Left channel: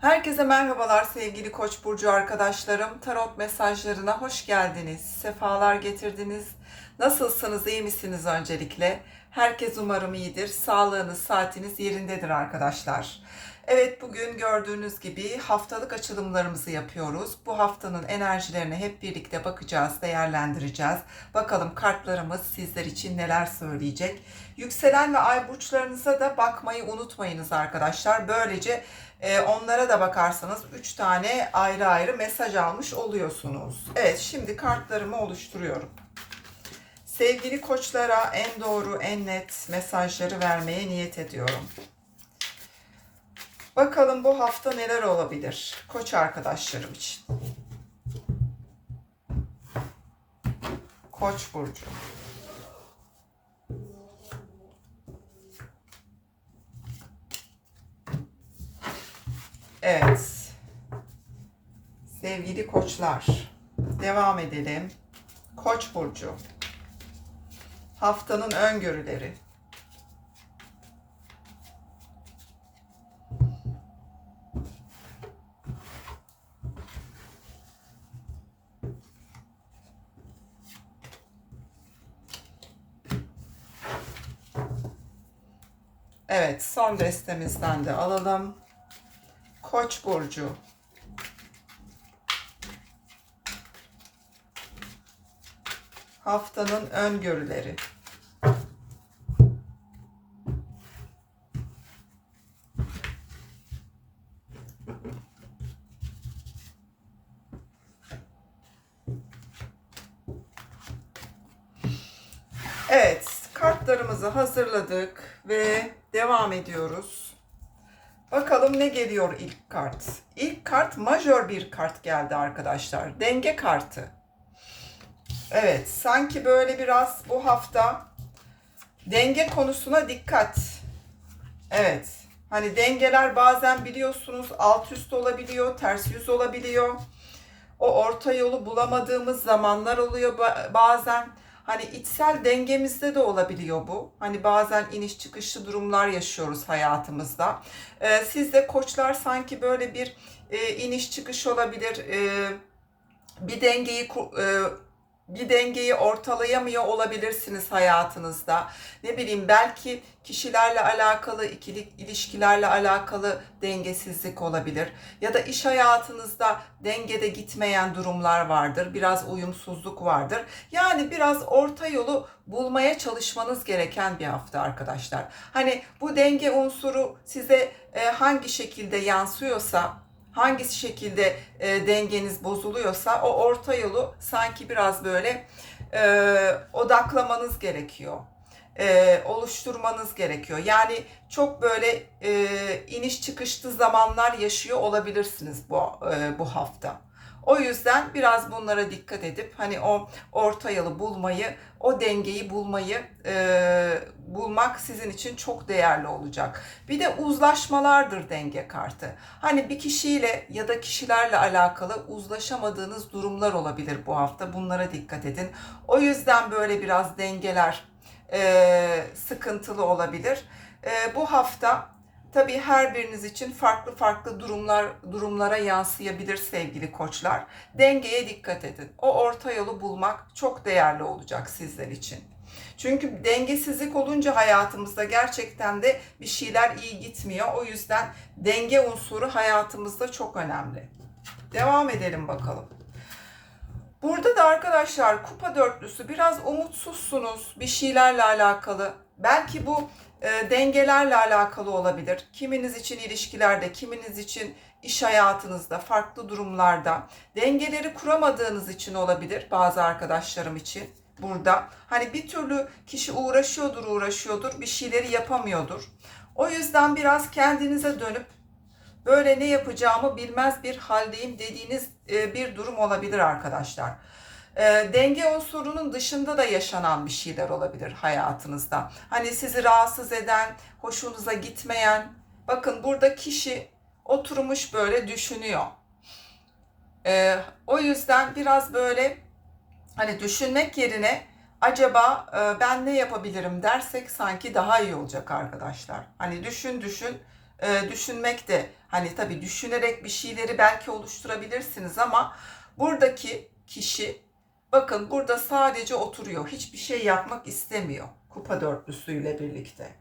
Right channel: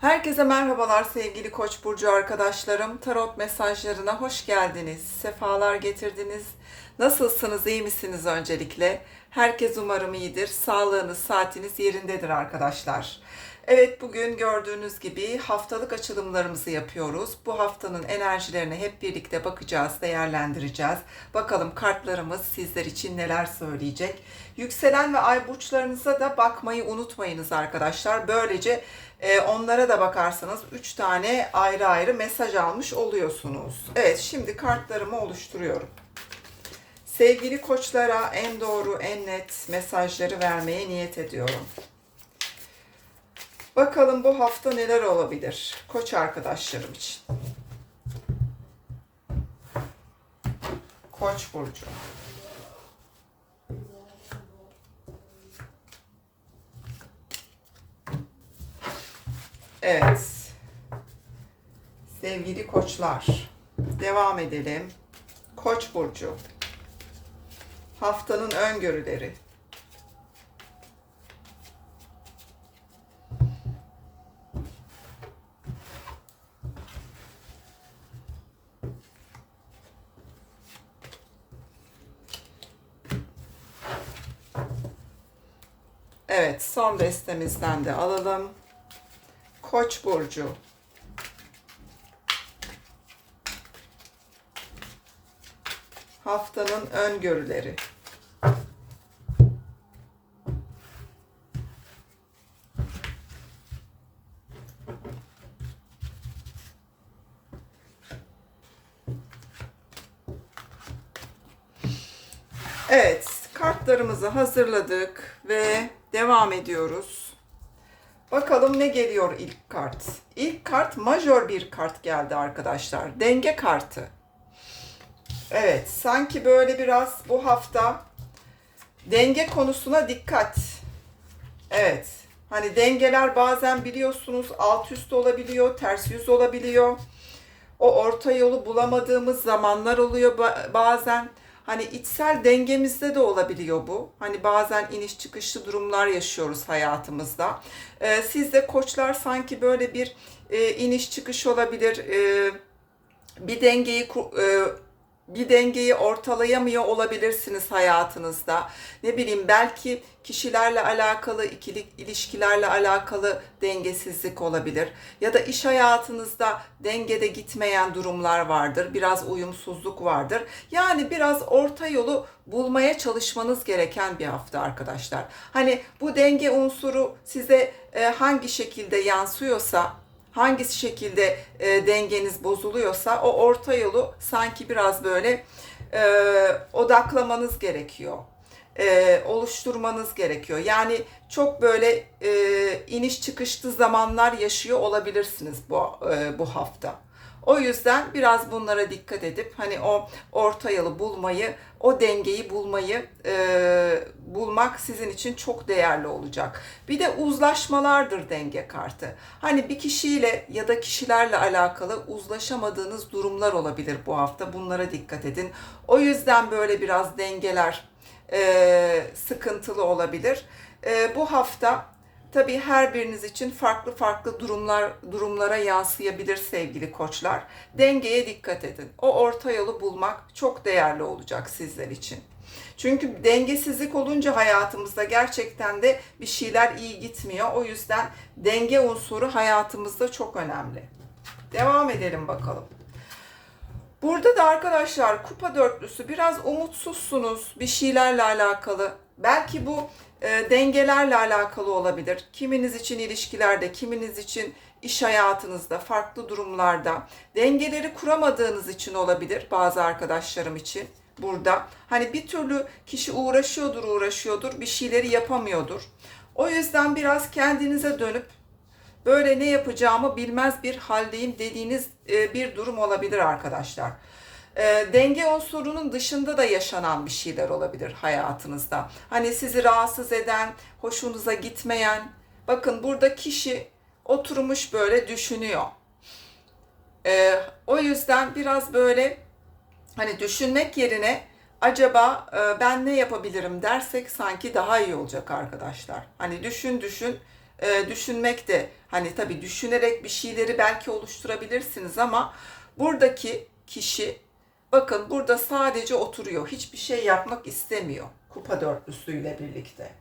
Herkese merhabalar sevgili Koç burcu arkadaşlarım. Tarot mesajlarına hoş geldiniz. Sefalar getirdiniz. Nasılsınız? iyi misiniz öncelikle? Herkes umarım iyidir. Sağlığınız, saatiniz yerindedir arkadaşlar. Evet bugün gördüğünüz gibi haftalık açılımlarımızı yapıyoruz. Bu haftanın enerjilerine hep birlikte bakacağız, değerlendireceğiz. Bakalım kartlarımız sizler için neler söyleyecek. Yükselen ve ay burçlarınıza da bakmayı unutmayınız arkadaşlar. Böylece e, onlara da bakarsanız 3 tane ayrı ayrı mesaj almış oluyorsunuz. Evet şimdi kartlarımı oluşturuyorum. Sevgili koçlara en doğru, en net mesajları vermeye niyet ediyorum. Bakalım bu hafta neler olabilir koç arkadaşlarım için. Koç burcu. Evet. Sevgili koçlar, devam edelim. Koç burcu. Haftanın öngörüleri. Evet, son destemizden de alalım. Koç burcu. Haftanın öngörüleri. Evet, kartlarımızı hazırladık ve devam ediyoruz. Ne geliyor ilk kart. İlk kart majör bir kart geldi arkadaşlar. Denge kartı. Evet, sanki böyle biraz bu hafta denge konusuna dikkat. Evet. Hani dengeler bazen biliyorsunuz alt üst olabiliyor, ters yüz olabiliyor. O orta yolu bulamadığımız zamanlar oluyor ba- bazen. Hani içsel dengemizde de olabiliyor bu. Hani bazen iniş çıkışlı durumlar yaşıyoruz hayatımızda. Ee, siz de koçlar sanki böyle bir e, iniş çıkış olabilir. E, bir dengeyi e, bir dengeyi ortalayamıyor olabilirsiniz hayatınızda. Ne bileyim belki kişilerle alakalı, ikili ilişkilerle alakalı dengesizlik olabilir. Ya da iş hayatınızda dengede gitmeyen durumlar vardır. Biraz uyumsuzluk vardır. Yani biraz orta yolu bulmaya çalışmanız gereken bir hafta arkadaşlar. Hani bu denge unsuru size e, hangi şekilde yansıyorsa hangi şekilde e, dengeniz bozuluyorsa o orta yolu sanki biraz böyle e, odaklamanız gerekiyor. E, oluşturmanız gerekiyor. Yani çok böyle e, iniş çıkışlı zamanlar yaşıyor olabilirsiniz bu e, bu hafta. O yüzden biraz bunlara dikkat edip hani o orta yolu bulmayı, o dengeyi bulmayı e, bulmak sizin için çok değerli olacak. Bir de uzlaşmalardır denge kartı. Hani bir kişiyle ya da kişilerle alakalı uzlaşamadığınız durumlar olabilir bu hafta. Bunlara dikkat edin. O yüzden böyle biraz dengeler e, sıkıntılı olabilir. E, bu hafta Tabii her biriniz için farklı farklı durumlar durumlara yansıyabilir sevgili koçlar. Dengeye dikkat edin. O orta yolu bulmak çok değerli olacak sizler için. Çünkü dengesizlik olunca hayatımızda gerçekten de bir şeyler iyi gitmiyor. O yüzden denge unsuru hayatımızda çok önemli. Devam edelim bakalım. Burada da arkadaşlar kupa dörtlüsü biraz umutsuzsunuz bir şeylerle alakalı. Belki bu e, dengelerle alakalı olabilir. Kiminiz için ilişkilerde, kiminiz için iş hayatınızda, farklı durumlarda dengeleri kuramadığınız için olabilir bazı arkadaşlarım için burada. Hani bir türlü kişi uğraşıyordur, uğraşıyordur, bir şeyleri yapamıyordur. O yüzden biraz kendinize dönüp böyle ne yapacağımı bilmez bir haldeyim dediğiniz e, bir durum olabilir arkadaşlar. E, denge unsurunun dışında da yaşanan bir şeyler olabilir hayatınızda. Hani sizi rahatsız eden, hoşunuza gitmeyen. Bakın burada kişi oturmuş böyle düşünüyor. E, o yüzden biraz böyle hani düşünmek yerine acaba e, ben ne yapabilirim dersek sanki daha iyi olacak arkadaşlar. Hani düşün düşün e, düşünmek de hani tabii düşünerek bir şeyleri belki oluşturabilirsiniz ama buradaki kişi bakın burada sadece oturuyor. Hiçbir şey yapmak istemiyor kupa dörtlüsüyle birlikte.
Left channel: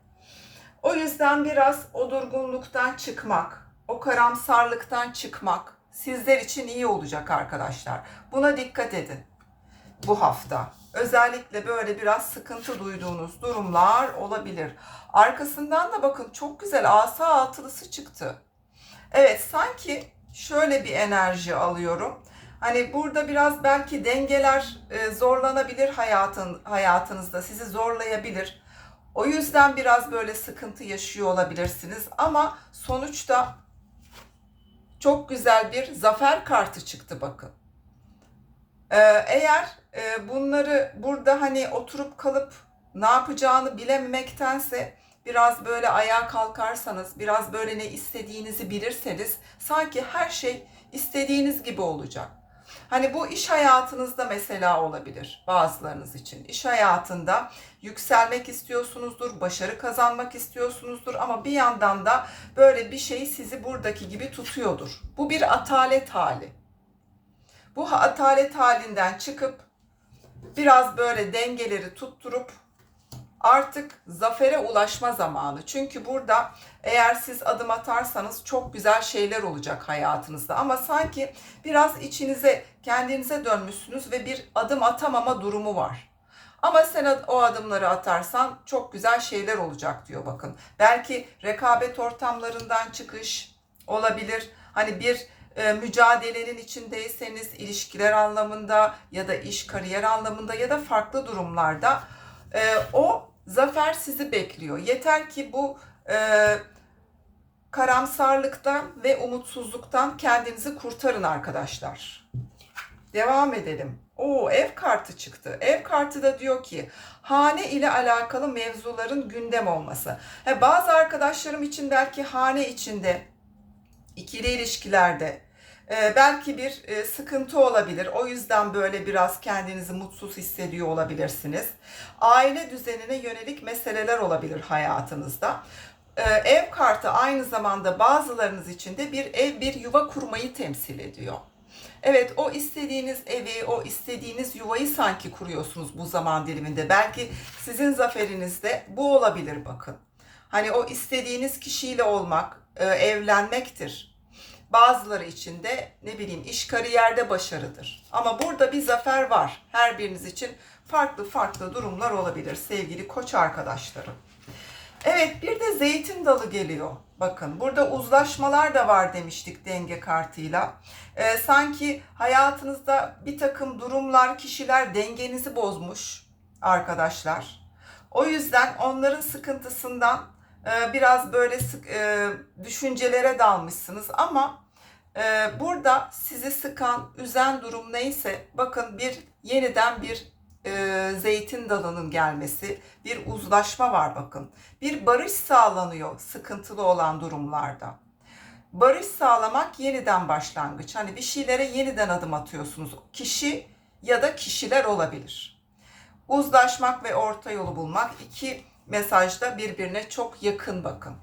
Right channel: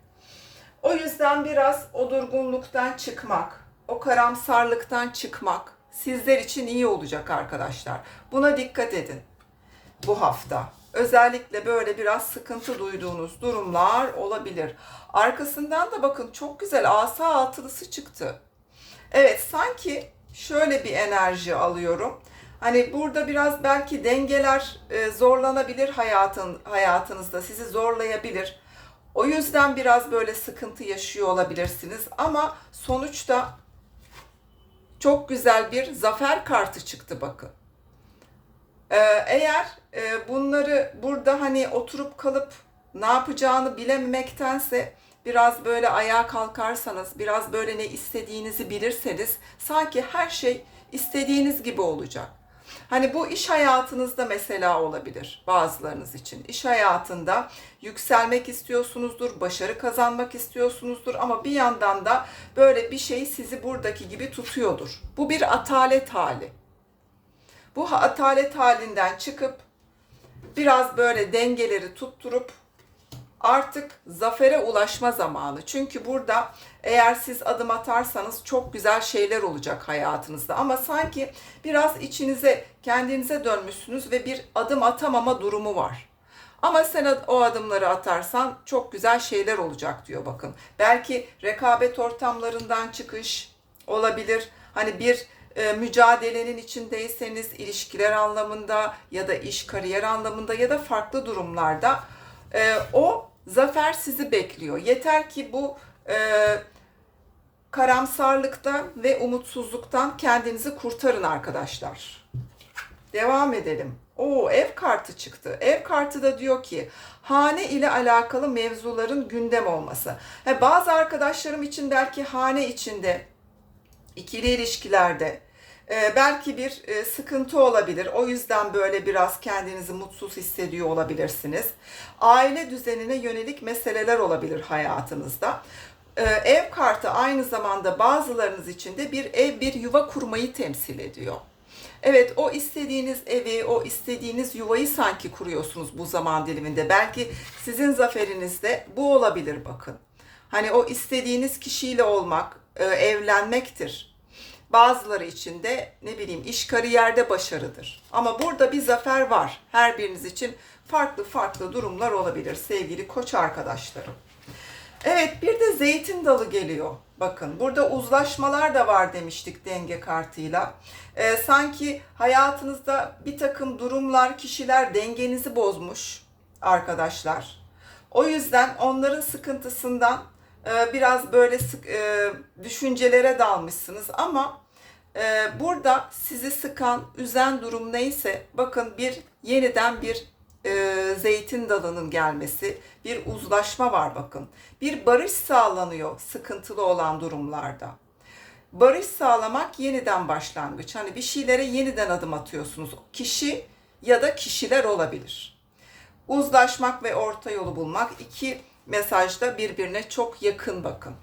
O yüzden biraz o durgunluktan çıkmak, o karamsarlıktan çıkmak sizler için iyi olacak arkadaşlar. Buna dikkat edin bu hafta. Özellikle böyle biraz sıkıntı duyduğunuz durumlar olabilir. Arkasından da bakın çok güzel asa altılısı çıktı. Evet sanki şöyle bir enerji alıyorum. Hani burada biraz belki dengeler e, zorlanabilir hayatın hayatınızda sizi zorlayabilir. O yüzden biraz böyle sıkıntı yaşıyor olabilirsiniz ama sonuçta çok güzel bir zafer kartı çıktı bakın. Ee, eğer e, bunları burada hani oturup kalıp ne yapacağını bilememektense biraz böyle ayağa kalkarsanız, biraz böyle ne istediğinizi bilirseniz sanki her şey istediğiniz gibi olacak. Hani bu iş hayatınızda mesela olabilir bazılarınız için. İş hayatında yükselmek istiyorsunuzdur, başarı kazanmak istiyorsunuzdur ama bir yandan da böyle bir şey sizi buradaki gibi tutuyordur. Bu bir atalet hali. Bu atalet halinden çıkıp biraz böyle dengeleri tutturup artık zafere ulaşma zamanı. Çünkü burada eğer siz adım atarsanız çok güzel şeyler olacak hayatınızda. Ama sanki biraz içinize, kendinize dönmüşsünüz ve bir adım atamama durumu var. Ama sen o adımları atarsan çok güzel şeyler olacak diyor bakın. Belki rekabet ortamlarından çıkış olabilir. Hani bir e, mücadelenin içindeyseniz ilişkiler anlamında ya da iş kariyer anlamında ya da farklı durumlarda e, o zafer sizi bekliyor. Yeter ki bu e, karamsarlıktan ve umutsuzluktan kendinizi kurtarın arkadaşlar. Devam edelim. O ev kartı çıktı. Ev kartı da diyor ki hane ile alakalı mevzuların gündem olması. He, bazı arkadaşlarım için belki hane içinde ikili ilişkilerde e, belki bir e, sıkıntı olabilir. O yüzden böyle biraz kendinizi mutsuz hissediyor olabilirsiniz. Aile düzenine yönelik meseleler olabilir hayatınızda. E, ev kartı aynı zamanda bazılarınız için de bir ev, bir yuva kurmayı temsil ediyor. Evet o istediğiniz evi, o istediğiniz yuvayı sanki kuruyorsunuz bu zaman diliminde. Belki sizin zaferinizde bu olabilir bakın. Hani o istediğiniz kişiyle olmak, e, evlenmektir. Bazıları için de ne bileyim iş kariyerde başarıdır. Ama burada bir zafer var. Her biriniz için farklı farklı durumlar olabilir sevgili koç arkadaşlarım. Evet bir de zeytin dalı geliyor. Bakın burada uzlaşmalar da var demiştik denge kartıyla. Ee, sanki hayatınızda bir takım durumlar, kişiler dengenizi bozmuş arkadaşlar. O yüzden onların sıkıntısından biraz böyle sık, e, düşüncelere dalmışsınız ama e, burada sizi sıkan, üzen durum neyse bakın bir yeniden bir e, zeytin dalının gelmesi, bir uzlaşma var bakın. Bir barış sağlanıyor sıkıntılı olan durumlarda. Barış sağlamak yeniden başlangıç. Hani bir şeylere yeniden adım atıyorsunuz. Kişi ya da kişiler olabilir. Uzlaşmak ve orta yolu bulmak iki mesajda birbirine çok yakın bakın.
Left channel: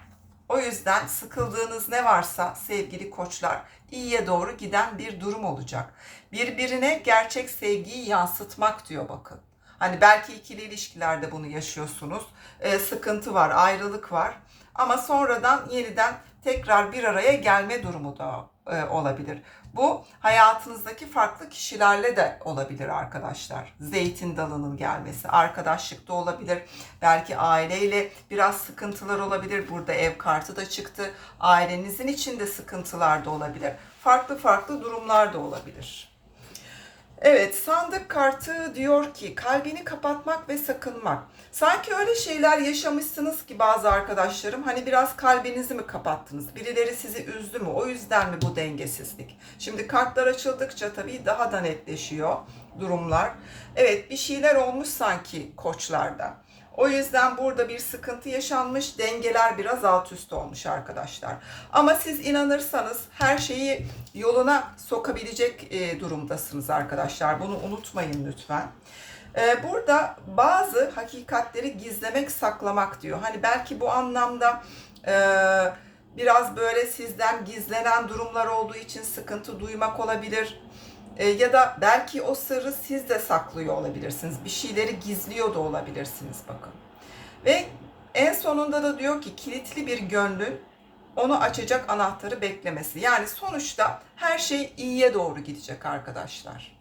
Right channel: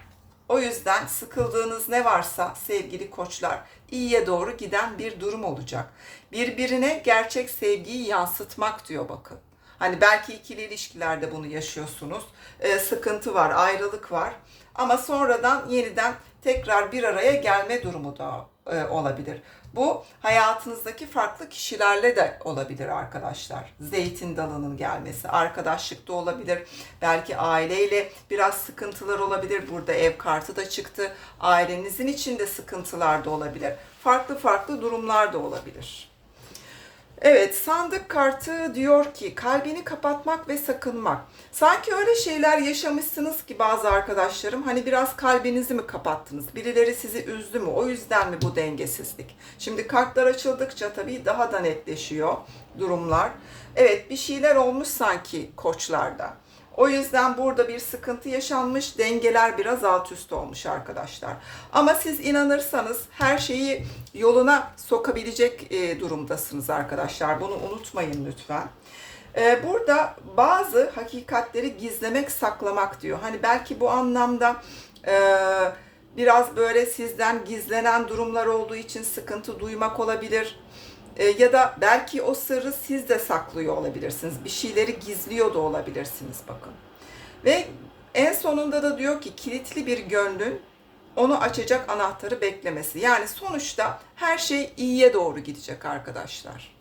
O yüzden sıkıldığınız ne varsa sevgili koçlar iyiye doğru giden bir durum olacak. Birbirine gerçek sevgiyi yansıtmak diyor bakın. Hani belki ikili ilişkilerde bunu yaşıyorsunuz. Ee, sıkıntı var, ayrılık var. Ama sonradan yeniden tekrar bir araya gelme durumu da e, olabilir. Bu hayatınızdaki farklı kişilerle de olabilir arkadaşlar. Zeytin dalının gelmesi, arkadaşlıkta olabilir. Belki aileyle biraz sıkıntılar olabilir. Burada ev kartı da çıktı. Ailenizin içinde sıkıntılar da olabilir. Farklı farklı durumlar da olabilir. Evet, sandık kartı diyor ki kalbini kapatmak ve sakınmak. Sanki öyle şeyler yaşamışsınız ki bazı arkadaşlarım hani biraz kalbinizi mi kapattınız? Birileri sizi üzdü mü? O yüzden mi bu dengesizlik? Şimdi kartlar açıldıkça tabii daha da netleşiyor durumlar. Evet, bir şeyler olmuş sanki koçlarda. O yüzden burada bir sıkıntı yaşanmış, dengeler biraz alt üst olmuş arkadaşlar. Ama siz inanırsanız her şeyi yoluna sokabilecek e, durumdasınız arkadaşlar. Bunu unutmayın lütfen. E, burada bazı hakikatleri gizlemek, saklamak diyor. Hani belki bu anlamda e, biraz böyle sizden gizlenen durumlar olduğu için sıkıntı duymak olabilir. E, ya da belki o sırrı siz de saklıyor olabilirsiniz. Bir şeyleri gizliyor da olabilirsiniz bakın. Ve en sonunda da diyor ki kilitli bir gönlün onu açacak anahtarı beklemesi. Yani sonuçta her şey iyiye doğru gidecek arkadaşlar.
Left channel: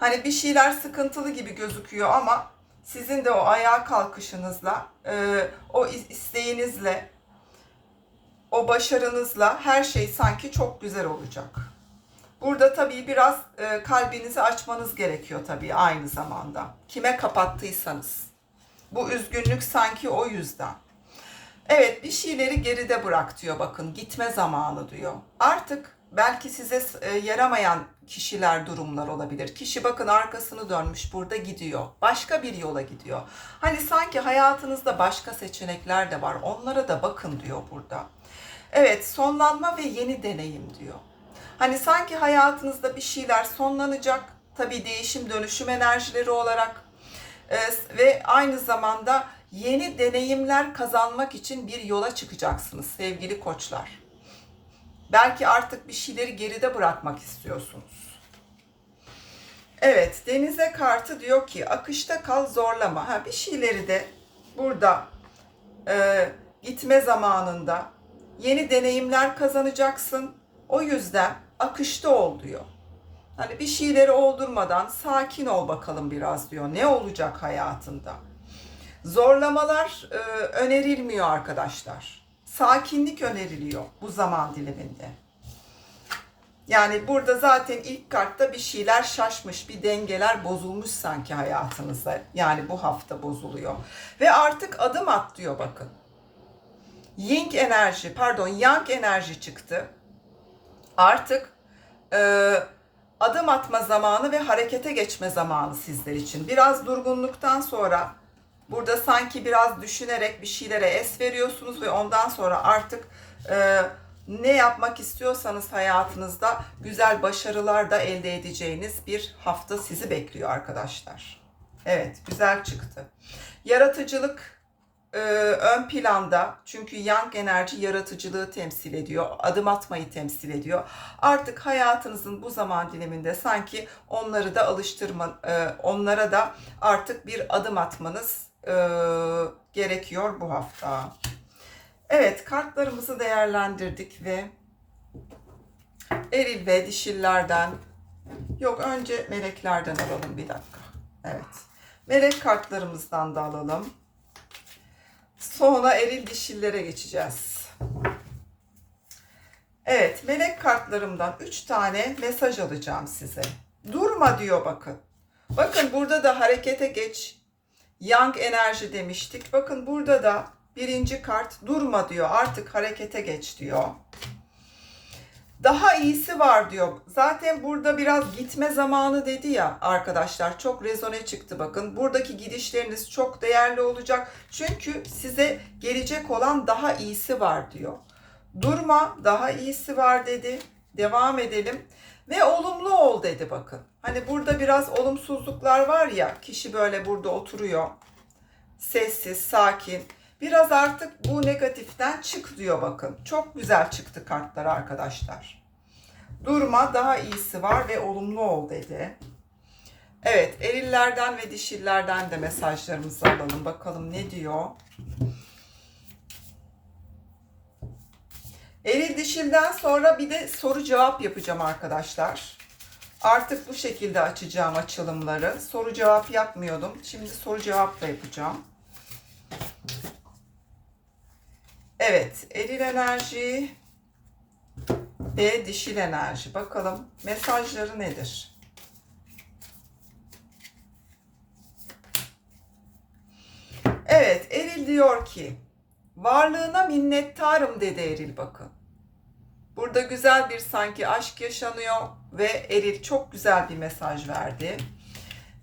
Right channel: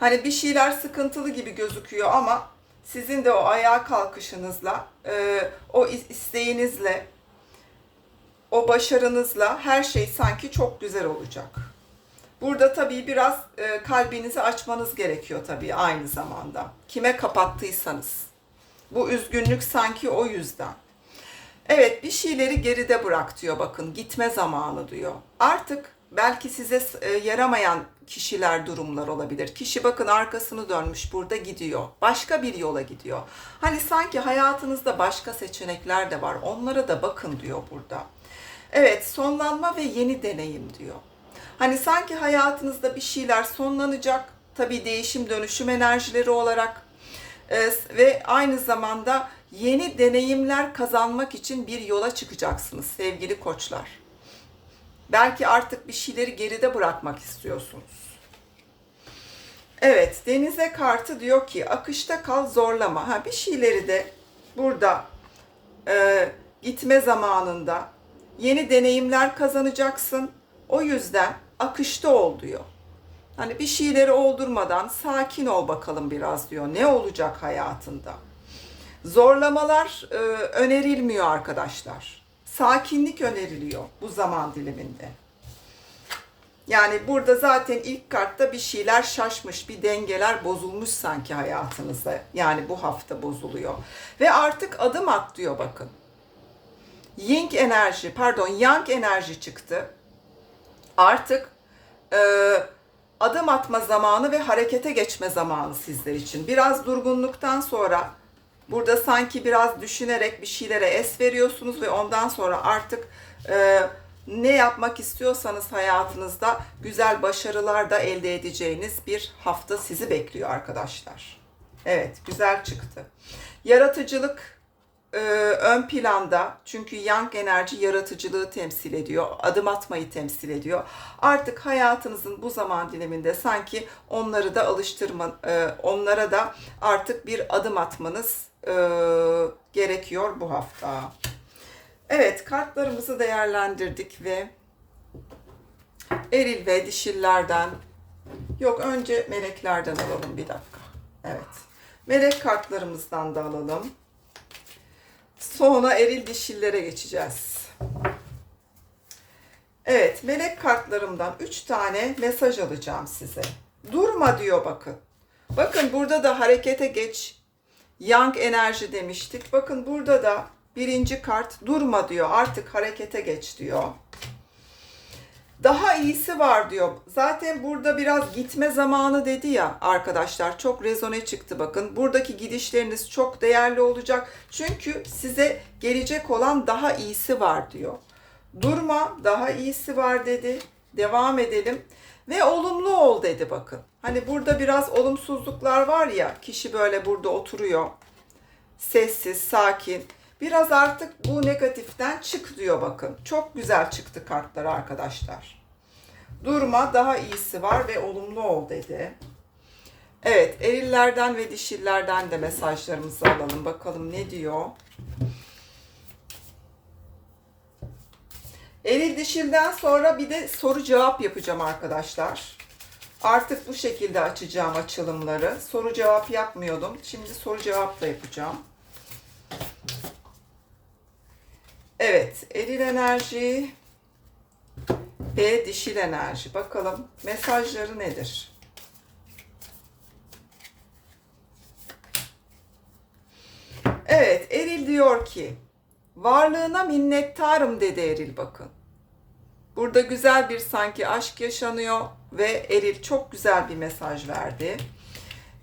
Hani bir şeyler sıkıntılı gibi gözüküyor ama sizin de o ayağa kalkışınızla, e, o isteğinizle, o başarınızla her şey sanki çok güzel olacak. Burada tabii biraz e, kalbinizi açmanız gerekiyor tabii aynı zamanda. Kime kapattıysanız. Bu üzgünlük sanki o yüzden. Evet bir şeyleri geride bırak diyor bakın gitme zamanı diyor. Artık belki size e, yaramayan kişiler durumlar olabilir. Kişi bakın arkasını dönmüş burada gidiyor. Başka bir yola gidiyor. Hani sanki hayatınızda başka seçenekler de var. Onlara da bakın diyor burada. Evet sonlanma ve yeni deneyim diyor. Hani sanki hayatınızda bir şeyler sonlanacak. Tabii değişim dönüşüm enerjileri olarak ee, ve aynı zamanda yeni deneyimler kazanmak için bir yola çıkacaksınız sevgili koçlar. Belki artık bir şeyleri geride bırakmak istiyorsunuz. Evet, denize kartı diyor ki akışta kal zorlama. Ha bir şeyleri de burada e, gitme zamanında yeni deneyimler kazanacaksın. O yüzden akışta ol diyor. Hani bir şeyleri oldurmadan sakin ol bakalım biraz diyor. Ne olacak hayatında? Zorlamalar e, önerilmiyor arkadaşlar. Sakinlik öneriliyor bu zaman diliminde. Yani burada zaten ilk kartta bir şeyler şaşmış, bir dengeler bozulmuş sanki hayatınızda. Yani bu hafta bozuluyor. Ve artık adım at diyor bakın. Ying enerji, pardon Yang enerji çıktı. Artık e, adım atma zamanı ve harekete geçme zamanı sizler için. Biraz durgunluktan sonra burada sanki biraz düşünerek bir şeylere es veriyorsunuz ve ondan sonra artık e, ne yapmak istiyorsanız hayatınızda güzel başarılar da elde edeceğiniz bir hafta sizi bekliyor arkadaşlar. Evet, güzel çıktı. Yaratıcılık e, ön planda çünkü yang enerji yaratıcılığı temsil ediyor, adım atmayı temsil ediyor. Artık hayatınızın bu zaman diliminde sanki onları da alıştırma, e, onlara da artık bir adım atmanız e, gerekiyor bu hafta. Evet, kartlarımızı değerlendirdik ve eril ve dişillerden, yok önce meleklerden alalım bir dakika. Evet, melek kartlarımızdan da alalım. Sonra eril dişillere geçeceğiz. Evet, melek kartlarımdan 3 tane mesaj alacağım size. Durma diyor bakın. Bakın burada da harekete geç. Yang enerji demiştik. Bakın burada da birinci kart durma diyor. Artık harekete geç diyor. Daha iyisi var diyor. Zaten burada biraz gitme zamanı dedi ya arkadaşlar. Çok rezone çıktı bakın. Buradaki gidişleriniz çok değerli olacak. Çünkü size gelecek olan daha iyisi var diyor. Durma daha iyisi var dedi. Devam edelim. Ve olumlu ol dedi bakın. Hani burada biraz olumsuzluklar var ya. Kişi böyle burada oturuyor. Sessiz, sakin. Biraz artık bu negatiften çık diyor bakın. Çok güzel çıktı kartlar arkadaşlar. Durma daha iyisi var ve olumlu ol dedi. Evet erillerden ve dişillerden de mesajlarımızı alalım. Bakalım ne diyor. Eril dişilden sonra bir de soru cevap yapacağım arkadaşlar. Artık bu şekilde açacağım açılımları. Soru cevap yapmıyordum. Şimdi soru cevap da yapacağım. Evet, eril enerji ve dişil enerji. Bakalım mesajları nedir? Evet, eril diyor ki, varlığına minnettarım dedi eril bakın. Burada güzel bir sanki aşk yaşanıyor ve eril çok güzel bir mesaj verdi.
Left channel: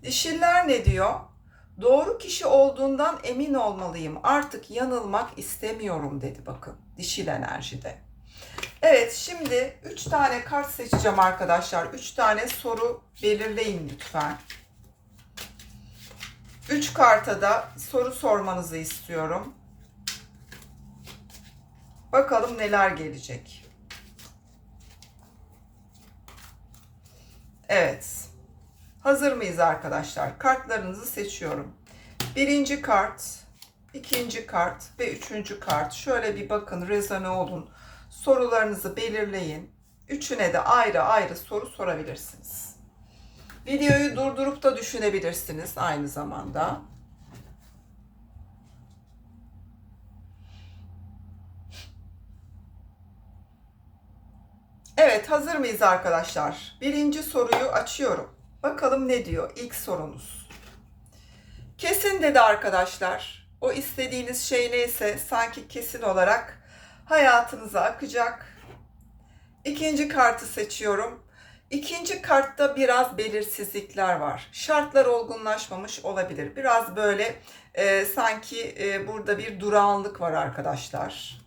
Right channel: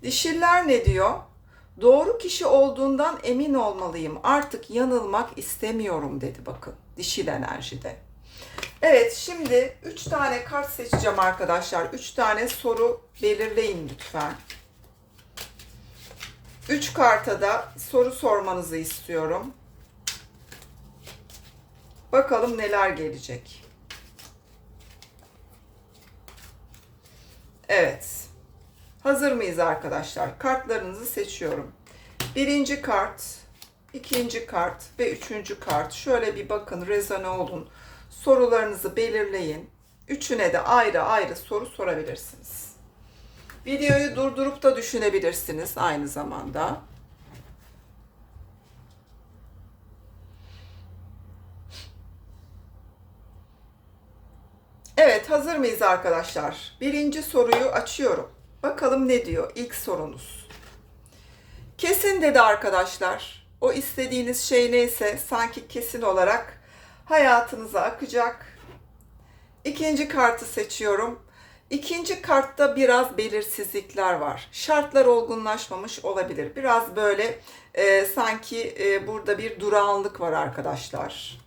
Dişiller ne diyor? Doğru kişi olduğundan emin olmalıyım. Artık yanılmak istemiyorum dedi bakın. Dişil enerjide. Evet şimdi 3 tane kart seçeceğim arkadaşlar. 3 tane soru belirleyin lütfen. 3 karta da soru sormanızı istiyorum. Bakalım neler gelecek. Evet. Hazır mıyız arkadaşlar? Kartlarınızı seçiyorum. Birinci kart, ikinci kart ve üçüncü kart. Şöyle bir bakın, rezone olun. Sorularınızı belirleyin. Üçüne de ayrı ayrı soru sorabilirsiniz. Videoyu durdurup da düşünebilirsiniz aynı zamanda. Evet, hazır mıyız arkadaşlar? Birinci soruyu açıyorum. Bakalım ne diyor ilk sorunuz. Kesin dedi arkadaşlar. O istediğiniz şey neyse sanki kesin olarak hayatınıza akacak. İkinci kartı seçiyorum. İkinci kartta biraz belirsizlikler var. Şartlar olgunlaşmamış olabilir. Biraz böyle e, sanki e, burada bir durağanlık var arkadaşlar.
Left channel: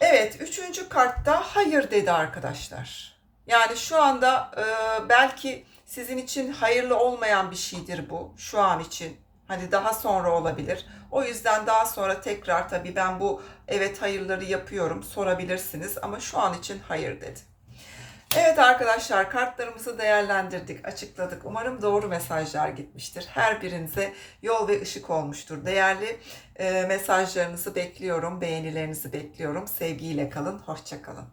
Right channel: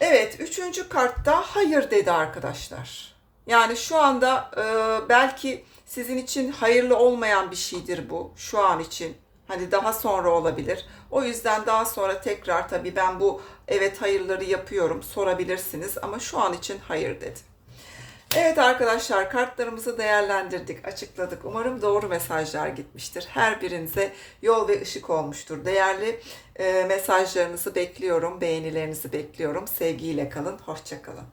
Evet, üçüncü kartta hayır dedi arkadaşlar. Yani şu anda e, belki sizin için hayırlı olmayan bir şeydir bu şu an için. Hani daha sonra olabilir. O yüzden daha sonra tekrar tabii ben bu evet hayırları yapıyorum sorabilirsiniz ama şu an için hayır dedi. Evet arkadaşlar kartlarımızı değerlendirdik, açıkladık. Umarım doğru mesajlar gitmiştir. Her birinize yol ve ışık olmuştur. Değerli e, mesajlarınızı bekliyorum, beğenilerinizi bekliyorum. Sevgiyle kalın, hoşça kalın.